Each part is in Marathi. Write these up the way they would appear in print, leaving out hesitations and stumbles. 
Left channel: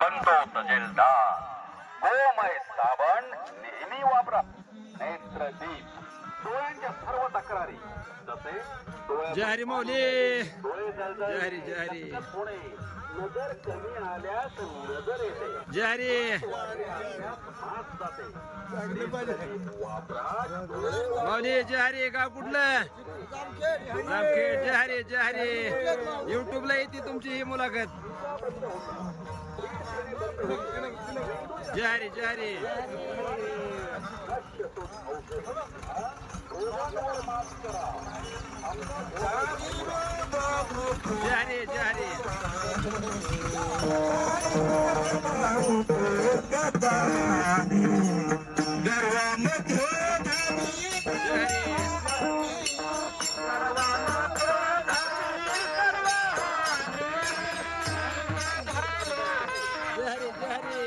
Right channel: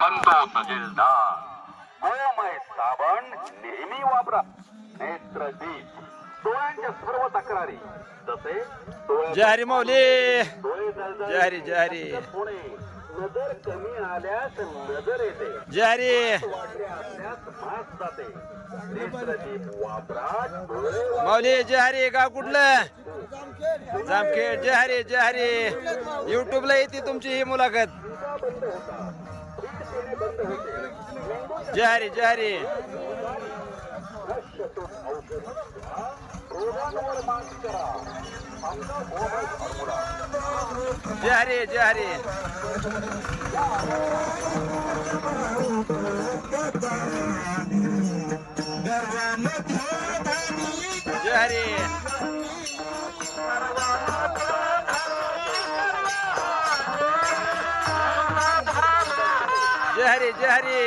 बनतो तजेलदार. गोमय साबण नेहमी वापरा. नेत्रदीप डोळ्यांच्या सर्व तक्रारी जसे जय माऊली. डोळे जळजळ जय हरी, जय हरी. होणे, नजर कमी आल्यास नजर येते, जय हरी. वाढले असल्यास मास जाते. नेत्रदीप वापरा. डोळे माऊली जय हरी. गाव कुठलं? जामखेड. जय हरी, जय हरी. युट्यूबला येते तुमची ही मुलाखत. बंद होता, हीट पिणे बंद होते, मेंदूच्या जय हरी, जय हरी. नश्यतून औषध घ्या, रोगांवर मात करा. आपला गोमय फॉर्म्युला. जय हरी, जय हरी. जय हरी. जय हरी, जय हरी.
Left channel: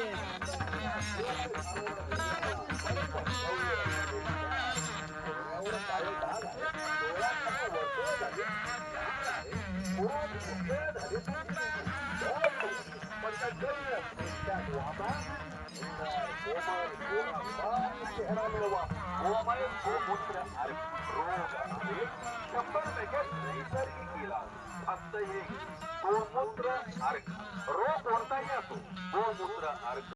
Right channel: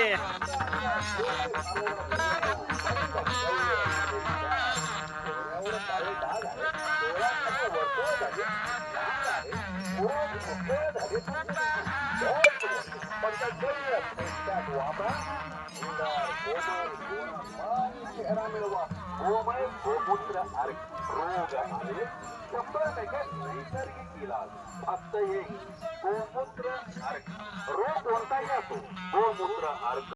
गोमय गोमूत्र अर्क रोग आहे 100% नैसर्गिक इलाज. फक्त एक गोमूत्र अर्क. रोग कोणताही असो, गोमूत्र अर्क